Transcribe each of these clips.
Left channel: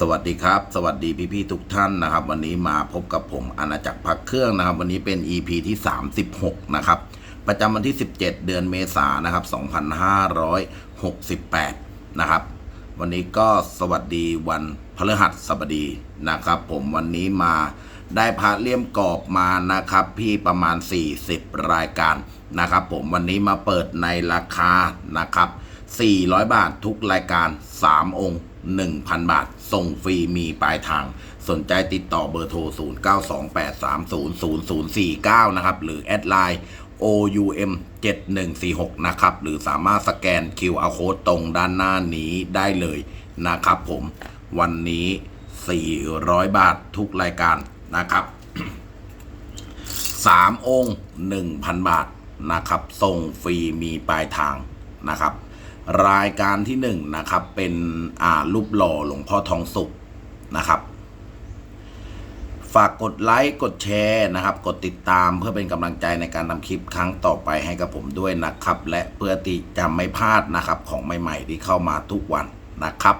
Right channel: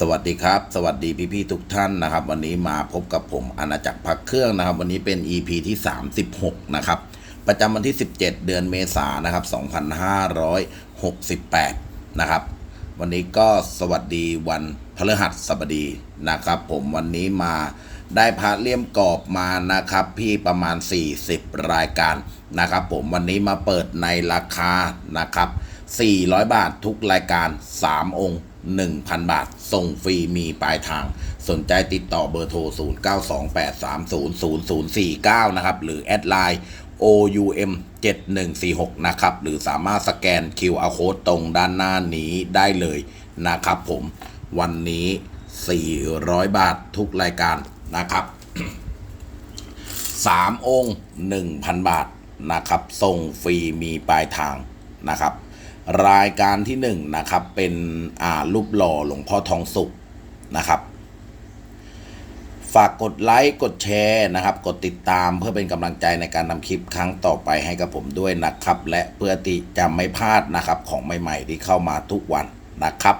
สวัสดีครับ สวัสดีพี่ๆทุกท่านนะครับ วันนี้มาพบกับผมอาณาจักรพักเครื่องนะครับ วันนี้เป็น EP ที่ 36 นะครับ ประจำวันที่ 17 เดือนเมษายนนะครับ 2568 นะครับ วันนี้ก็สวัสดีวันพฤหัสบดีนะครับ ผมวันนี้มาได้พระเลี่ยมกรอบมานะครับ พี่ประมาณ 40 รายการนะครับ ผมวันนี้มาเปิดในราคานะครับ 400 บาททุกรายการ 3 องค์ 1,000 บาท ส่งฟรีมีปลายทาง สนใจติดต่อเบอร์โทร 0928300049 นะครับ หรือแอดไลน์ OUM 7146 นะครับ หรือสามารถสแกน QR Code ตรงด้านหน้านี้ได้เลยนะครับผม วันนี้ 400 บาททุกรายการนะครับ 3 องค์ 1,000 บาทนะครับ ส่งฟรีมีปลายทางนะครับ รายการที่1นนะครับเป็นอ่ารูปหล่อหลวงพ่อทองสุขนะครับ ฝากกดไลค์กดแชร์นะครับ กดติดตามเพื่อเป็นกำลังใจในการทำคลิปครั้งต่อไปให้กับผมด้วยนะครับ และเพื่อที่จะไม่พลาดนะครับของใหม่ๆที่เข้ามาทุกวันนะครับ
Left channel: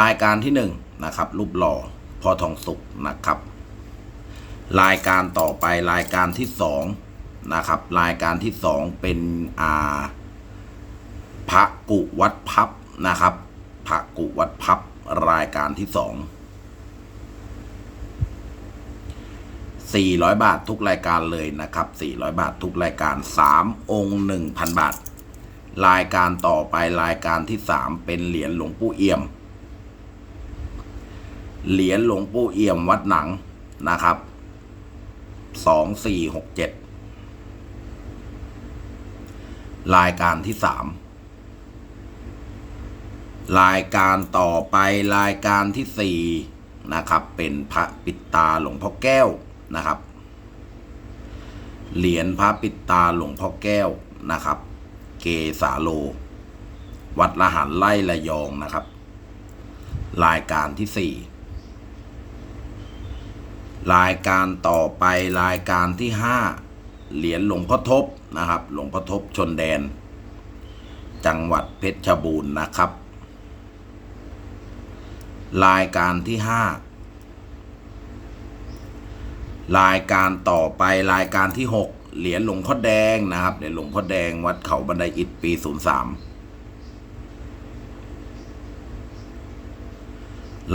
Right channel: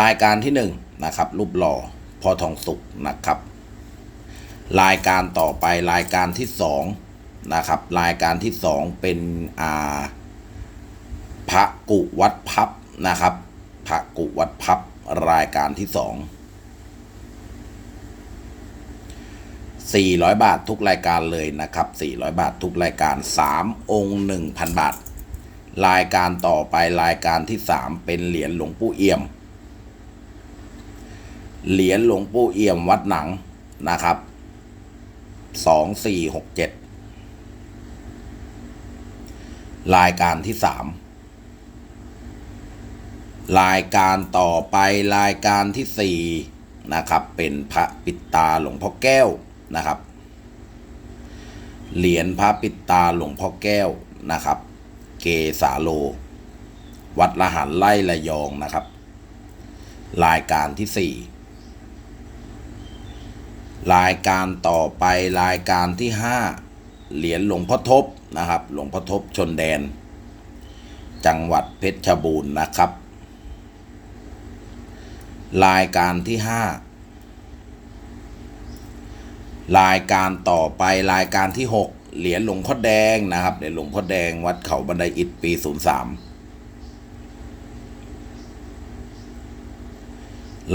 รายการที่1นะครับรูปหล่อพ่อทองสุขนะครับ รายการต่อไปรายการที่2นะครับรายการที่ 2 เป็นอ่า พระกุวัดพับนะครับพระกุวัดพับรายการที่สอง400 บาททุกรายการเลยนะครับ 400 บาททุกรายการ 3 องค์ 1,000 บาท รายการต่อไปรายการที่ 3 เป็นเหรียญหลวงปู่เอี่ยม เหรียญหลวงปู่เอี่ยมวัดหนังนะครับ 2467 รายการที่ 3 รายการต่อไปรายการที่4นะครับ เป็นพระปิดตาหลวงพ่อแก้วนะครับ เหรียญพระปิดตาหลวงพ่อแก้วนะครับ เกสาโล วัดละหันไล่ระยองนะครับ รายการที่4รายการต่อไปรายการที่5เหรียญหลวงพ่อทบนะครับ หลวงพ่อทบชนแดน จังหวัดเพชรบูรณ์นะครับ รายการที่5รายการต่อไปรายการที่6เหรียญหลวงพ่อแดงนะครับเหรียญหลวงพ่อแดงวัดเขาบันไดอิฐปี03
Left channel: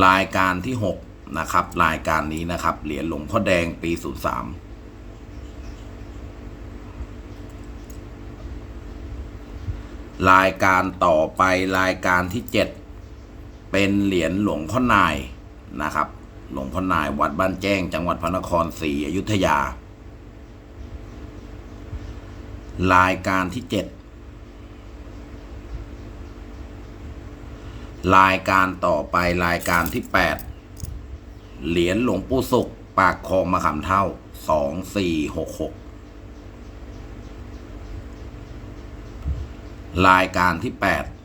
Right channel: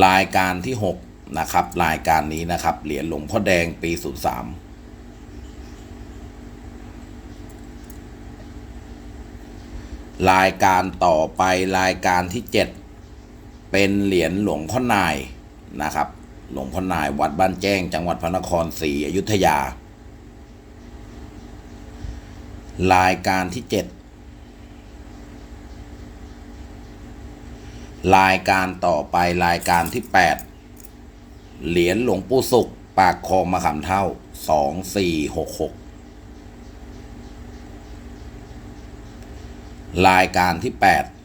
รายการที่6นะครับ รายการนี้นะครับ เหรียญหลวงพ่อแดงปี03รายการต่อไปรายการที่7 เป็นเหรียญหลวงพ่อนายนะครับ หลวงพ่อนายวัดบ้านแจ้ง จังหวัดพระนครศรีอยุธยา รายการที่7รายการต่อไปรายการที่8เหรียญหลวงปู่สุข ปากคลองมะขามเท่า2466รายการที่8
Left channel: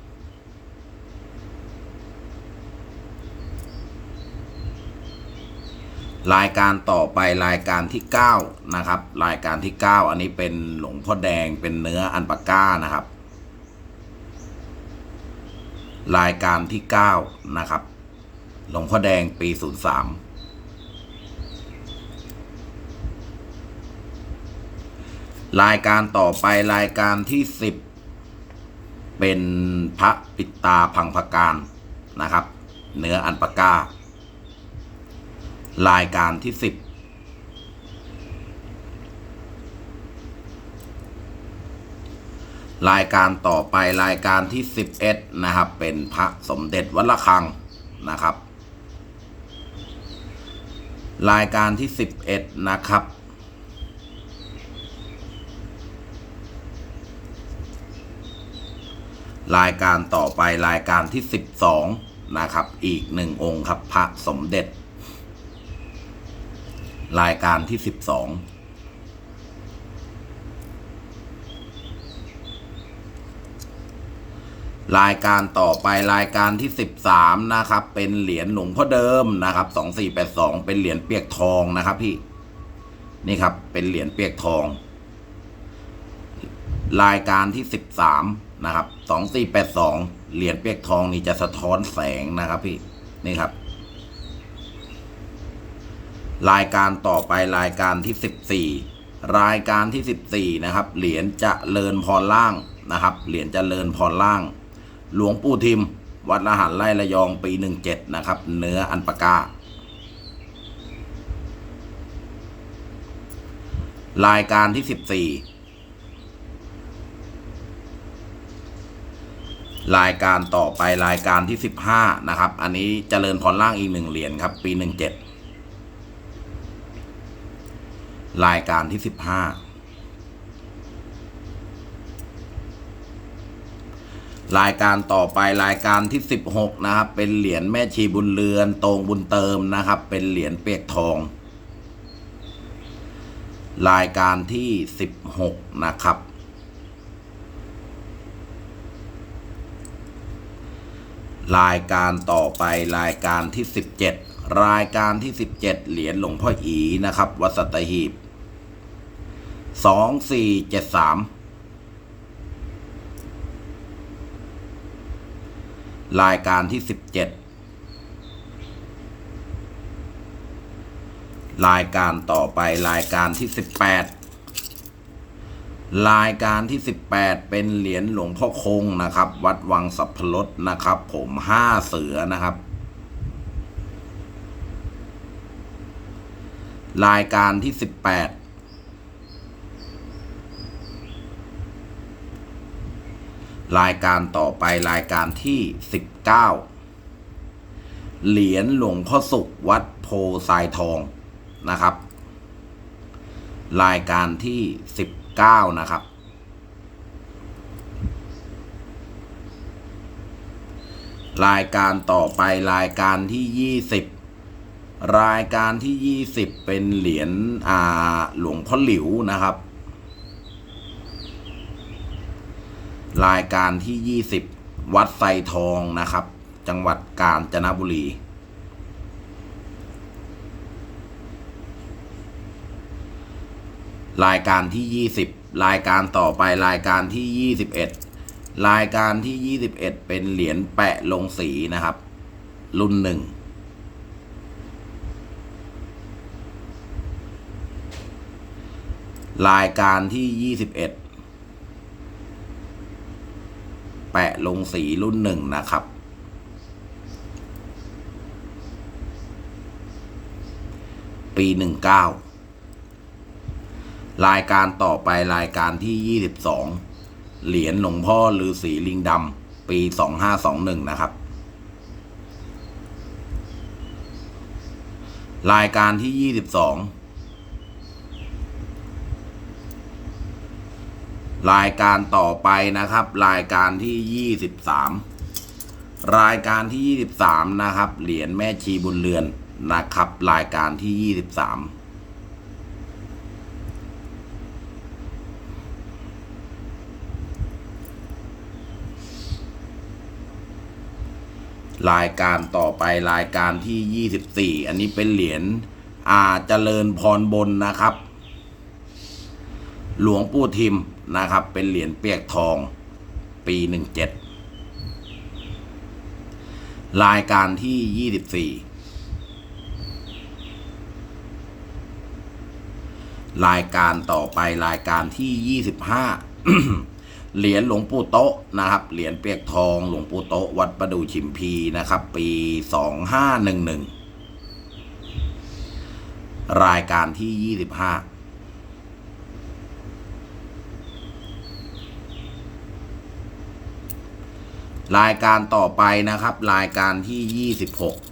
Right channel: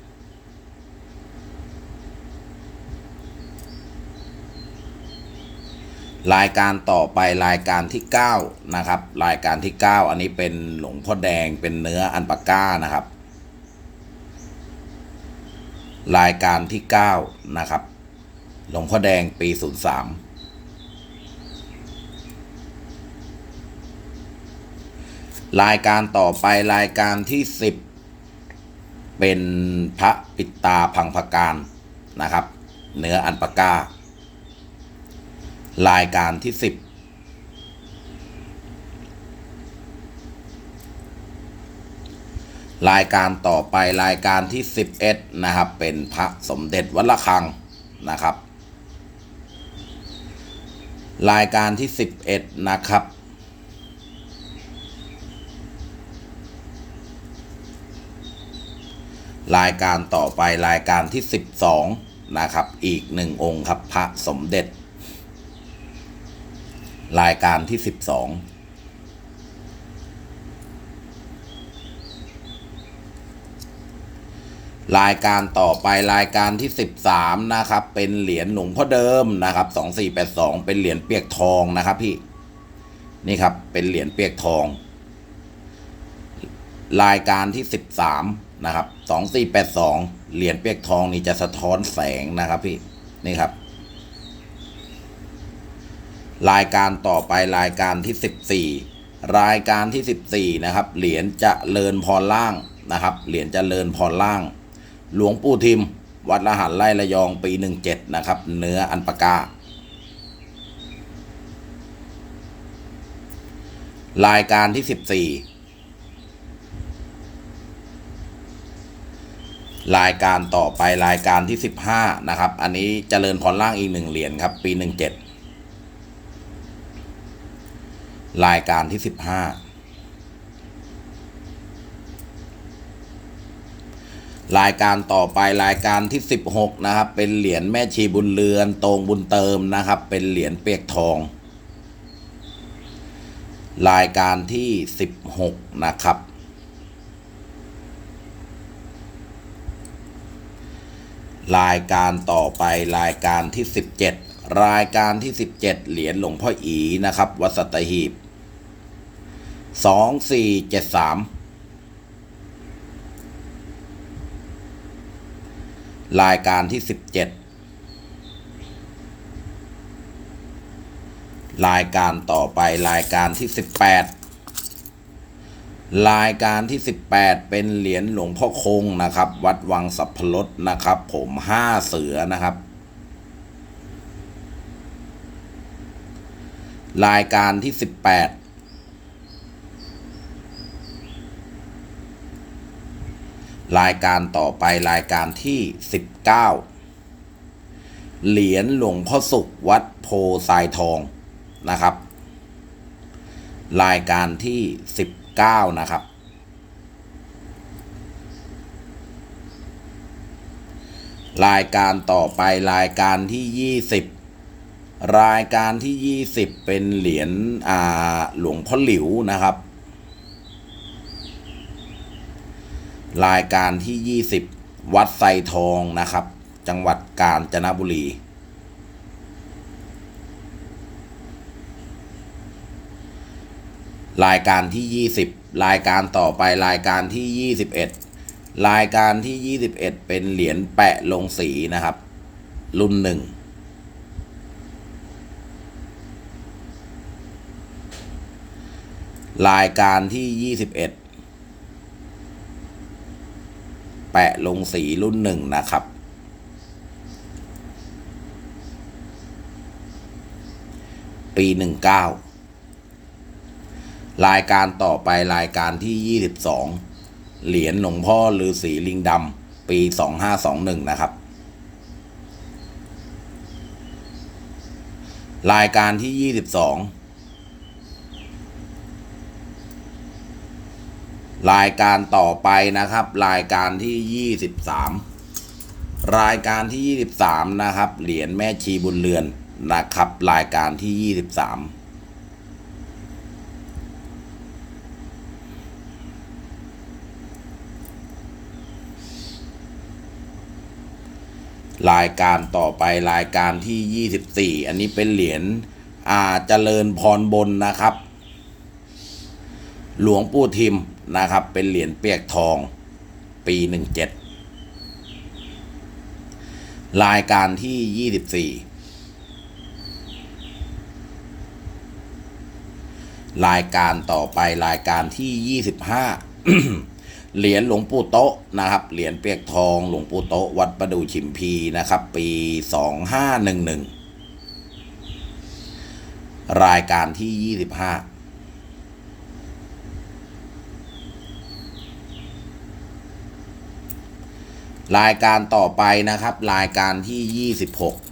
รายการต่อไปรายการที่ 9 นะครับ รายการที่ 9 อันนี้เป็นหลวงพ่อแดงเป็นเนื้ออันปาก้านะครับ รายการที่ 9 นะครับ หลวงพ่อแดงปี 03 รายการต่อไปรายการที่ 10 เป็นพระปิตาพังพการนะครับ เนื้ออันปาก้า รายการที่10รายการต่อไปรายการที่ 11 นะครับ เป็นพระสมเด็จวัดระฆังนะครับ รายการที่ 11 นะครับ รายการต่อไปรายการที่ 12 นะครับ อีกหนึ่งองค์ครับพระสมเด็จ รายการที่ 12 รายการต่อไปรายการที่ 13 นะครับ เป็นเหรียญหลวงพ่อเดิมนะครับ 2482 เป็นเหรียญเปียกทองนะครับพี่ นี่ครับ เป็นเหรียญเปียกทอง รายการที่ 13 นะครับสองสี่แปดสองเหรียญเปียกทองนี่จะสะท้อนแสงนะครับพี่ นี่ครับ รายการต่อไปรายการที่ 14 รายการที่ 14นะครับเหรียญจะเลินพรล่างนะครับเหรียญจะเลินพรล่าง หลวงปู่ทิม วัดละหันไร่ระยองปี 17 นะครับ เนื้ออันปาการายการที่ 14 รายการต่อไปรายการที่ 15 นะครับ อันนี้เจริญพรล่างอีกหนึ่งเหรียญครับ ปี 17 รายการที่สิบห้ารายการต่อไปรายการที่สิบหกนะครับ เป็นเหรียญแม่ชีบุญเรือนตรงบุญเติมนะครับ เป็นเหรียญเปียกทอง รายการที่สิบหกนะครับรายการต่อไปรายการที่สิบเจ็ดรายการที่สิบเจ็ดเหรียญหลวงพ่ออีนะครับ วัดสัตหีบ สองสี่เจ็ดสามรายการที่สิบเจ็ดรายการต่อไปรายการที่สิบแปดรายการที่ 18 เป็นเหรียญหลวงพ่อคงนะครับ วัดวังสัพพลดนะครับ ผมห้าเสือนะครับ รายการที่ 18 รายการต่อไปรายการที่สิบเก้าเหรียญหลวงพ่อสุขวัดโพทรายทองนะครับ รายการที่สิบเก้านะครับ รายการต่อไปรายการที่ยี่สิบรายการที่ยี่สิบเป็นเหรียญอาหลวงพ่อหลิวนะครับ รายการที่ 20 วัดไซทองนะครับ จังหวัดกาญจนบุรี รายการที่ 20 รายการต่อไปรายการที่ 21 รายการที่ 21 เป็นเหรียญแปะลงสีนะครับ รุ่นหนึ่งรายการที่ 21 แปะลงสีรุ่นหนึ่งนะครับ ปีหนึ่งเก้ารายการต่อไปรายการที่ 22 เหรียญหลวงพ่อหรือสีลิงดำปี 2521 นะครับ รายการที่ 22 รายการต่อไปนะครับ รายการที่ยี่สิบสามรายการที่ยี่สิบสามนะครับ เหรียญแม่ชีบุญเรือนนะครับ รายการที่ยี่สิบสามรายการต่อไปรายการที่ยี่สิบสี่อันนี้เป็นเหรียญอาเจริญพรบนนะครับ หลวงปู่ทิม นะครับ เป็นเหรียญเปียกทองปี 17 รายการที่ 24 รายการต่อไปรายการที่ 25 เหรียญหลวงปู่โตะนะครับ เหรียญเปียกทองหลวงปู่โตะวัดประดูชิมพีนะครับ ปี 2511 รายการที่ 25 รายการต่อไปนะครับ รายการที่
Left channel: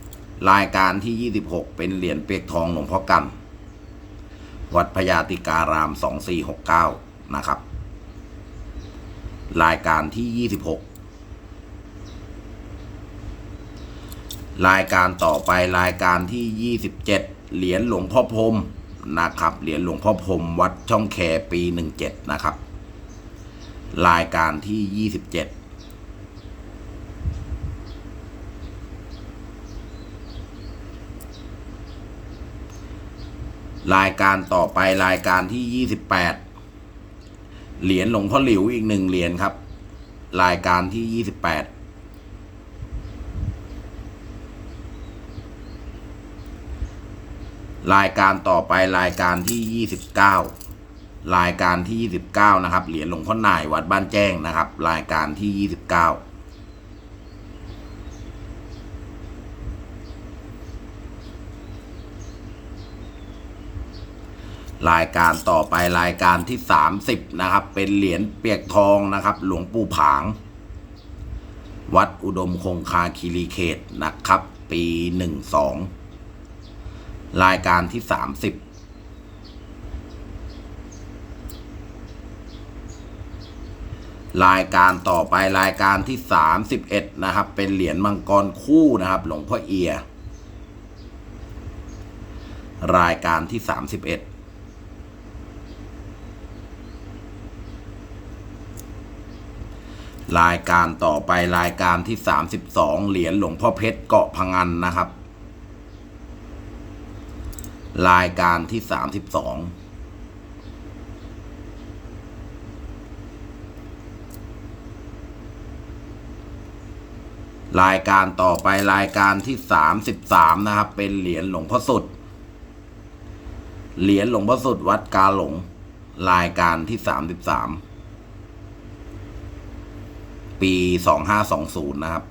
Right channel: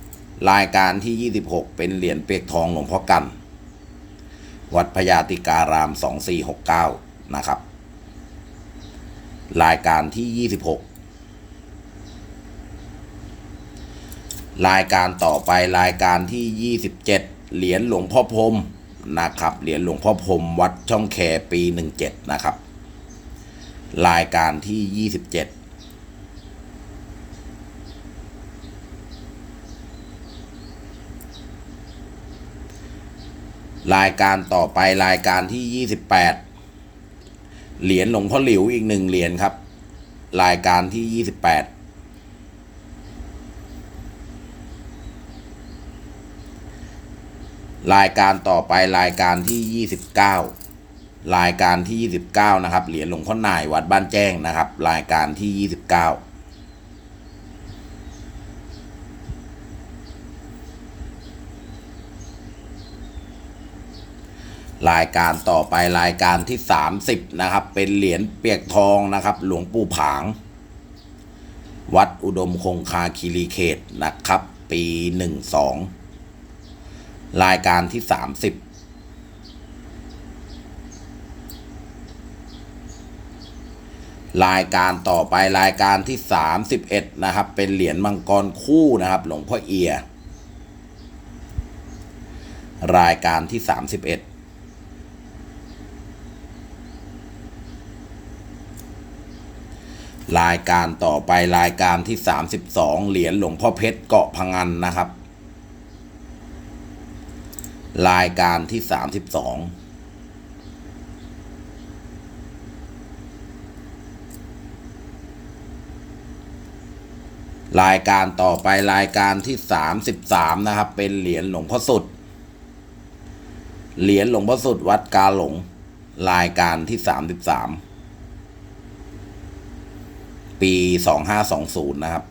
26 รายการที่ 26 เป็นเหรียญเปียกทองหลวงพ่อกัน วัดพญาติการาม 2469 นะครับ รายการที่ 26 รายการต่อไปรายการที่ 27 เหรียญหลวงพ่อพรมนะครับ เหรียญหลวงพ่อพรมวัดช่องแคปี 17 นะครับ รายการที่ 27 รายการต่อไปรายการที่ 28 เหรียญหลวงพ่อหลิวอีกหนึ่งเหรียญครับ รายการที่ 28 รายการต่อไปรายการที่ 29 รายการที่ 29 นะครับ เหรียญหลวงพ่อนายวัดบ้านแจ้งนะครับ รายการที่ 29 รายการต่อไปรายการที่ 30 นะครับ เป็นเหรียญเปียกทองนะครับ หลวงปู่ผาง วัดอุดมคงคาคีรีเขตนะครับ ปี 12 รายการที่ 30รายการต่อไปรายการที่ 31 นะครับ เป็นเหรียญมังกรคู่นะครับ หลวงพ่อเอีย รายการที่ 31 รายการต่อไปรายการที่ 32 เหรียญหลวงพ่อเพชรเกาะพังงันนะครับ รายการที่ 32รายการต่อไปรายการที่33นะครับ เป็นเหรียญหลวงพ่อสุด เหรียญหลวงพ่อสุดวัดกาหลง รายการที่33ปีสองห้าสอง ศูนย์นะครับ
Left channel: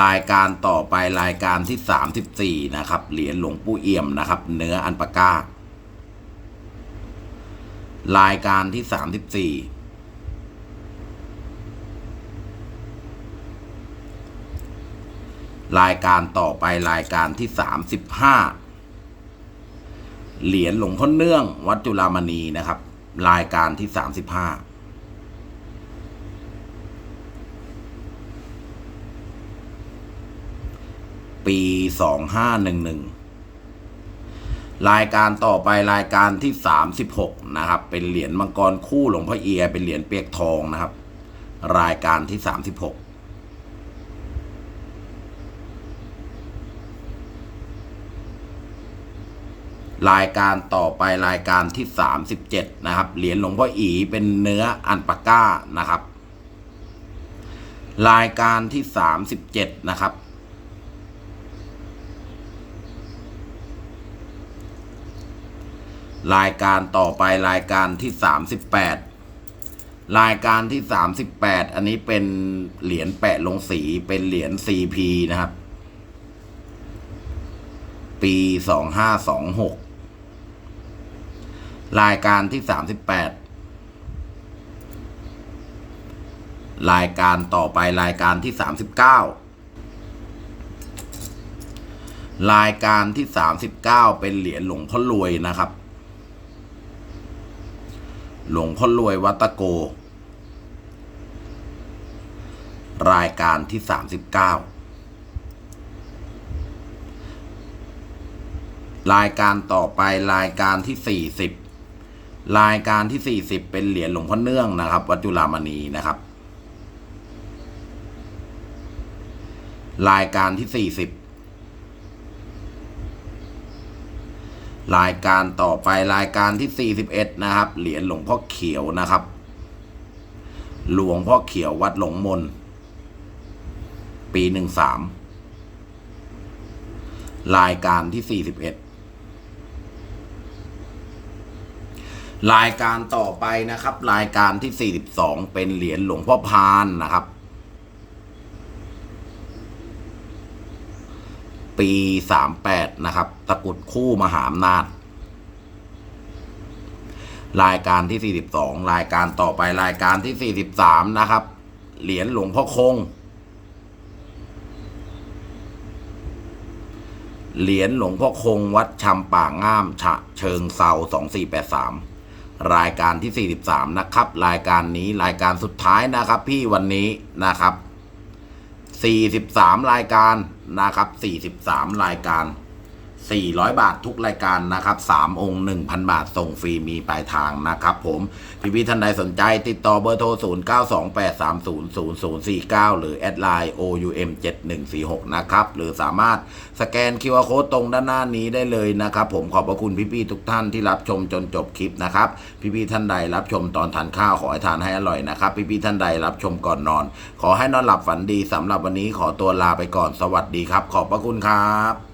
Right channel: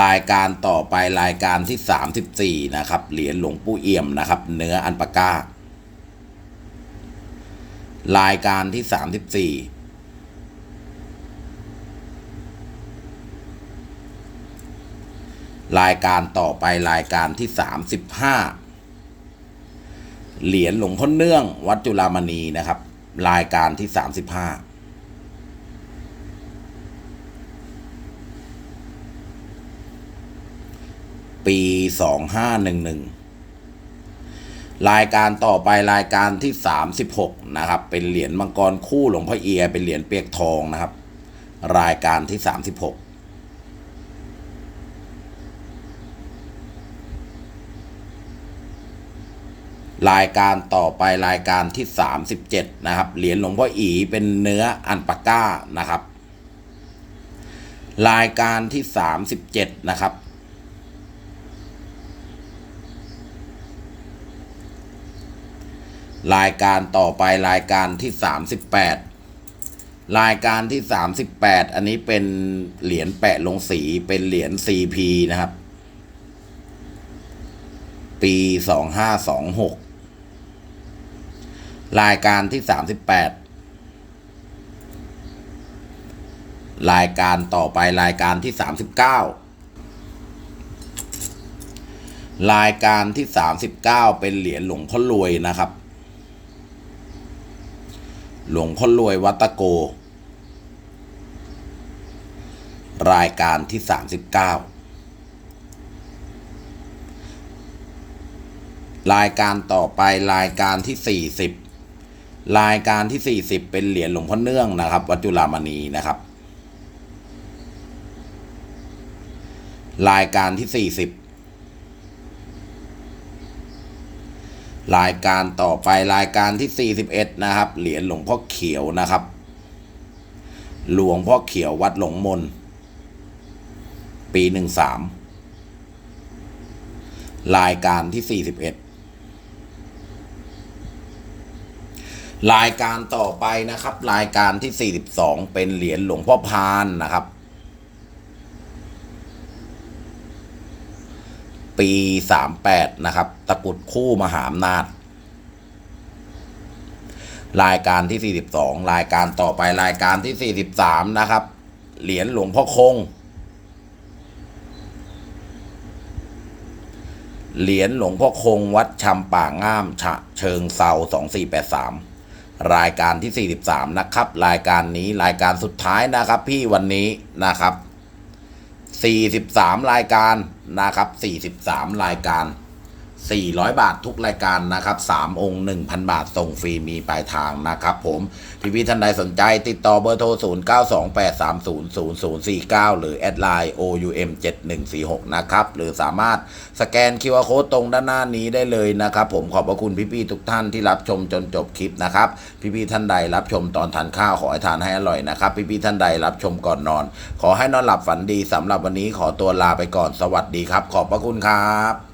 รายการต่อไปรายการที่สามสิบสี่นะครับ เหรียญหลวงปู่เอี่ยมนะครับ เนื้ออันปาก้ารายการที่สามสิบสี่รายการต่อไปรายการที่สามสิบห้า เหรียญหลวงพ่อเนื่อง วัดจุฬามณีนะครับ รายการที่สามสิบห้าปีสองห้าหนึ่งหนึ่งรายการต่อไปรายการที่สามสิบหกนะครับ เป็นเหรียญมังกรคู่หลวงพ่อเอีย เป็นเหรียญเปียกทองนะครับ รายการที่สามสิบหก รายการต่อไปรายการที่ 37 นะครับ เหรียญหลวงพ่ออีเป็นเนื้ออันปาก้านะครับ รายการที่ 37 นะครับ รายการต่อไปรายการที่ 38 รายการที่ 38 อันนี้เป็นเหรียญแปะลงสีเป็นเหรียญ CP นะครับ ปี 2526 รายการที่ 38 รายการต่อไปรายการที่ 39 รายการที่ 39 เป็นเหรียญหลวงพ่อรวยนะครับ หลวงพ่อรวยวัตโก รายการที่ 39 รายการต่อไปรายการที่สี่สิบรายการที่ 40 เป็นเหรียญหลวงพ่อเนื่องนะครับ วัดจุฬามณีนะครับ รายการที่ 40 รายการต่อไปรายการที่ 41 นะครับ เหรียญหลวงพ่อเขียวนะครับ หลวงพ่อเขียววัดหลงมน ปี 13 รายการที่ 41 รายการต่อไปนะครับ รายการที่ 42 เป็นเหรียญหลวงพ่อพานนะครับ ปี 38 นะครับ ตะกุดคู่มหาอำนาจ รายการที่ 42 รายการต่อไปรายการที่ 43 นะครับ เหรียญหลวงพ่อคง เหรียญหลวงพ่อคงวัดชำป่าง่าม ฉะเชิงเซา2483 รายการที่ 43 นะครับ รายการนี้รายการสุดท้ายนะครับ พี่วันนี้นะครับ 43 รายการนะครับ 43 รายการ 400 บาททุกรายการนะครับ3องค์ 1,000 บาทส่งฟรีมีปลายทางนะครับผม พี่พี่ท่านใดสนใจติดต่อเบอร์โทร 0928300049 หรือแอดไลน์ OUM 7146 นะครับ หรือสามารถสแกน QR Code ตรงด้านหน้านี้ได้เลยนะครับผมขอบพระคุณพี่พี่ทุกท่านที่รับชมจนจบคลิปนะครับ พี่พี่ท่านใดรับชมตอนทานข้าวขอให้ทานให้อร่อยนะครับ พี่พี่ท่านใดรับชมก่อนนอน ขอให้นอนหลับฝันดีสำหรับวันนี้ขอตัวลาไปก่อนสวัสดีครับ ขอบพระคุณครับ